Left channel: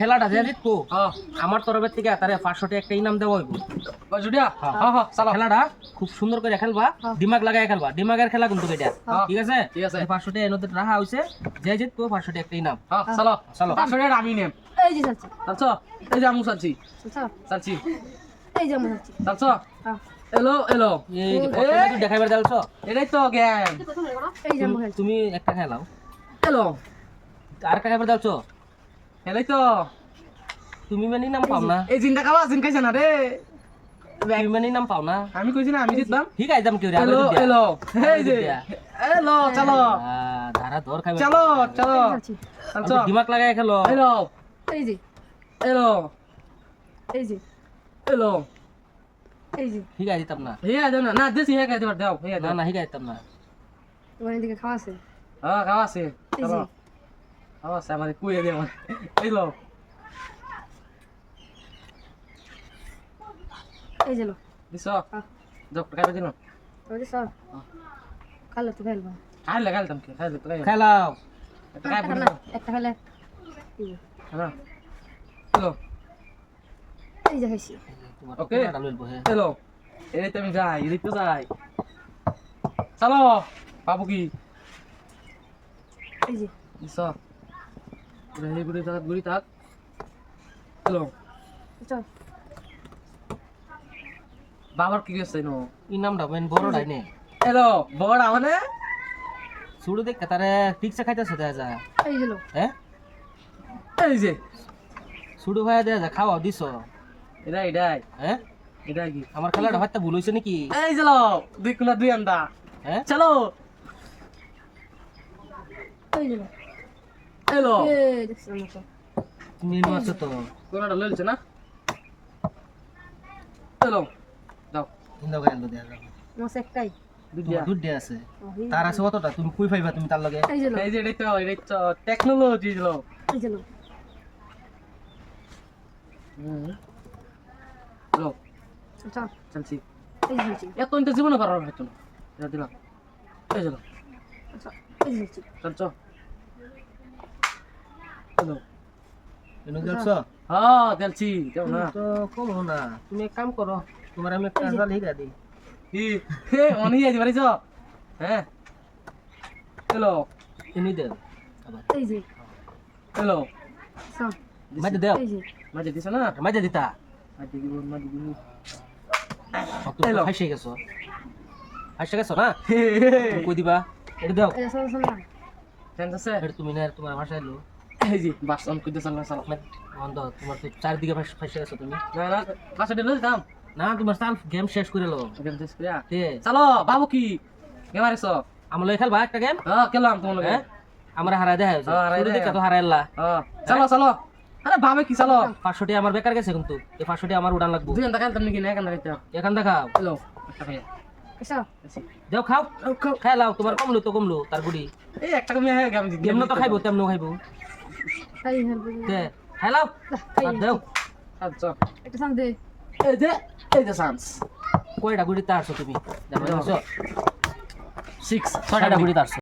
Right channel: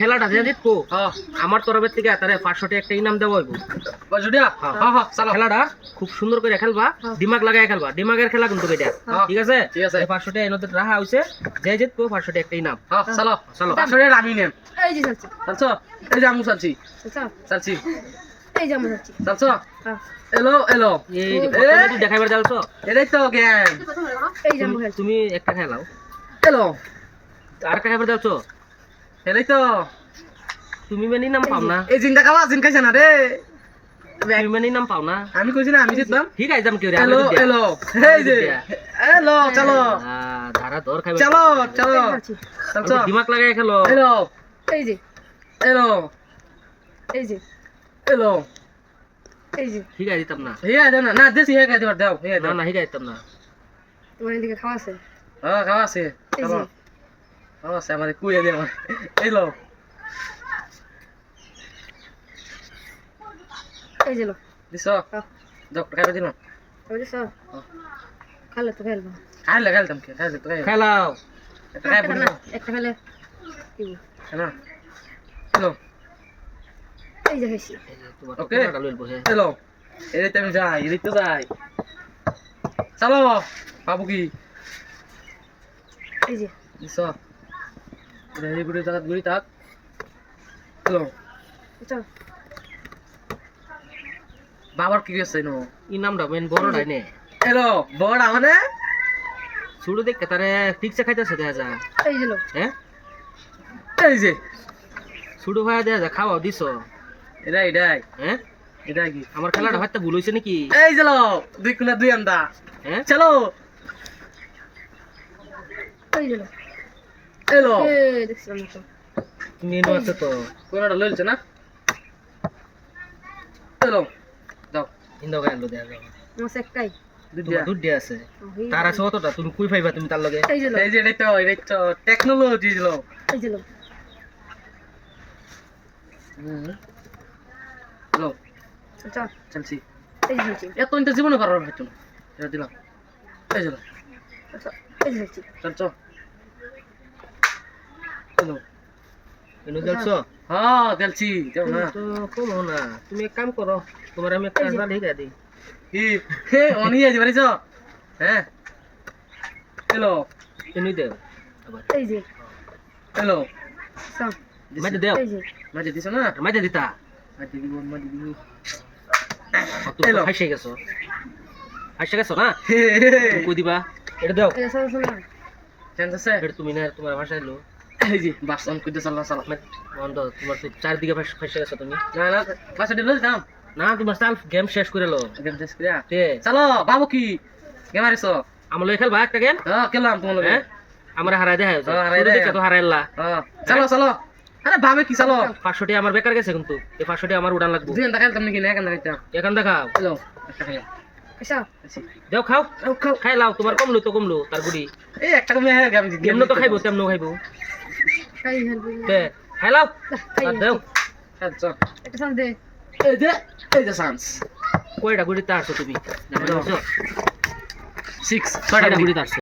খেলাটা যে জিতবো হ্যাঁ আমার তরফের থেকে তারে পাঁচশোটি একটা ইনাম দেওয়া হইব। হ্যাঁ। হ্যাঁ খেলাটা খুব সুন্দর করে খেলবা দিমাগ লাগাই খেলবা। দিমাগের খেলা কিন্তু এটা। ঠিক আছে? ঠিক আছে। এই পাঁচশোটি এনতে রাখা হয়েছে যে জিতবো পাঁচশোটি একটা ইনাম। হ্যাঁ চালো চলো আমি নেম। এই যে চালছি। চালছো? এই যে আমি চালছি। চাচা চালছি। এই যে আমরা চালছি। চালছো? হ্যাঁ। এলো এলো। এই যে প্রথমে তুই দেখাইবার যাচ্ছ এটাই তো গেম এই যে তুমি একটা খেলাও। এলো। আর একটা এটাই তো। তুমি মানে ইনাম পাও না। এই জিনটা খাওয়া জিন খাইছে না রে। তুমি মানে ইনাম পাও না। আমি কইছি না আমি জিতলাম ঠিক আছে যাম কি রে এলো এলো। এই যে এলো চলো। ধারা ধর খাইবার চলো চলো। চালছো দিমাগ লাগাই খেলো। এলো। এই যে। এলো। এই যে। এলো। এই যে। ঠিক আছে দিতাম না। হে দাও না। না দেশি হে খাইতে পার দাও না না হিগাই দিতাম না। তোমার এদিকে খাওয়া আছে? হ্যাঁ খাওয়া আছে। চলো আছে আমাদের কুয়ে দে আমার এলো এই যে লো। দিছ হ্যাঁ। যাও খাইবে দিন আমি সব খালে তো খেলবা খাইলে খাইলাম কি? খাইলে তো খাইলে। খাইবে একটা না না একটা খেলে দিব। না এলো এই যে তোমার ওকে। বসে এলো এদিকে আমি যাই এদিকে তো যাই। চলো বাবু কি? এই যে। দিছ। চল। বাবার কি নো? মেন নে বড় মানে শুরু তারে খাইতেছে যা এই যে হ্যাঁ? এই যে। শুরু ভাই দেখা যা খাওয়াও দিছ? এটাই এটাই। হ্যাঁ? এটাই কি? আমার খেলাটা হয়তো ভুল হয়েছে নাকি? এই চলো দুই কুলা দুই আন্দা। হ্যাঁ? চলো। এই যে এলো তুমি এনে আছো তো কোনটা লইছে না এলো যাও ইন্দো গান দেখা যাও মাছ একটাই তোমার দিয়া আছে তার আছে কতটা তুমি কই পাইবা তুমি তার লগে এই যে লো এই যে এটাই তো এটাই তো টেকনোলজি লো এই যে লো এলো চল চলছি এই যে এত ইন্টার জীবনে করার হয়তো না এটা দিলাম এই যে চল চল এনে গেলছো হ্যাঁ দেখছি দেও না তো কম না। তুমি এক কাম করো তোমার আমি একটা আজরা লিখা দিই কি? হে অনি আজ বাড়িছ হ্যাঁ এলো এনে দেও আবার। এই যে। এলো চল। মাঝে দেও। মাঝে দিছ না? মাঝে দিতা। মাঝে দিব মাঝে দিব। তুমি এলো। গেছো। হাসে গেছো না? কই দিবা? এটা দাও। এই যে চল চল। চান্স আছে? এটা তুমি না তোমার ভাষা এলো এই যে বাস অন কইতে চাল্লা চালা বন্ধ তোমার তো চারদিকে ফাঁসে গেছো তুমি। না না বাসা দিল দিতাম না তোমার চাল গেম শেষ করে লো গেম শেষ করিয়া? চলো বাবু কি? গেম আরিস আমার লই খেলবা একটা গেম হ্যাঁ কেলাম তোমার লগে। আমরা হারাই দেয় হারাই দেয়। তো হারাইলা। চলো চলো। আরে ভাবে কি চলো? পাঁচশোটি আমার বেকার গেছে কিন্তু। এই পাঁচশোটি আমার উড়ান লাগবো। দুই এক এখান দেখাও দেও খাও। খাই লাও তোমার কমলো তো কমলো তার বুড়ি এই একটা কমে গেম তো খাইবো তেমনো খাইবো। খাই হেলবি তে খাই লাও খাই আর দেও। আচ্ছা একটা সাথ দে। এই যে এই যে চান্স কয়টা গুড়ি তারছো তুমি? জানো সিক্স ছয়টা গুড়ি তারছো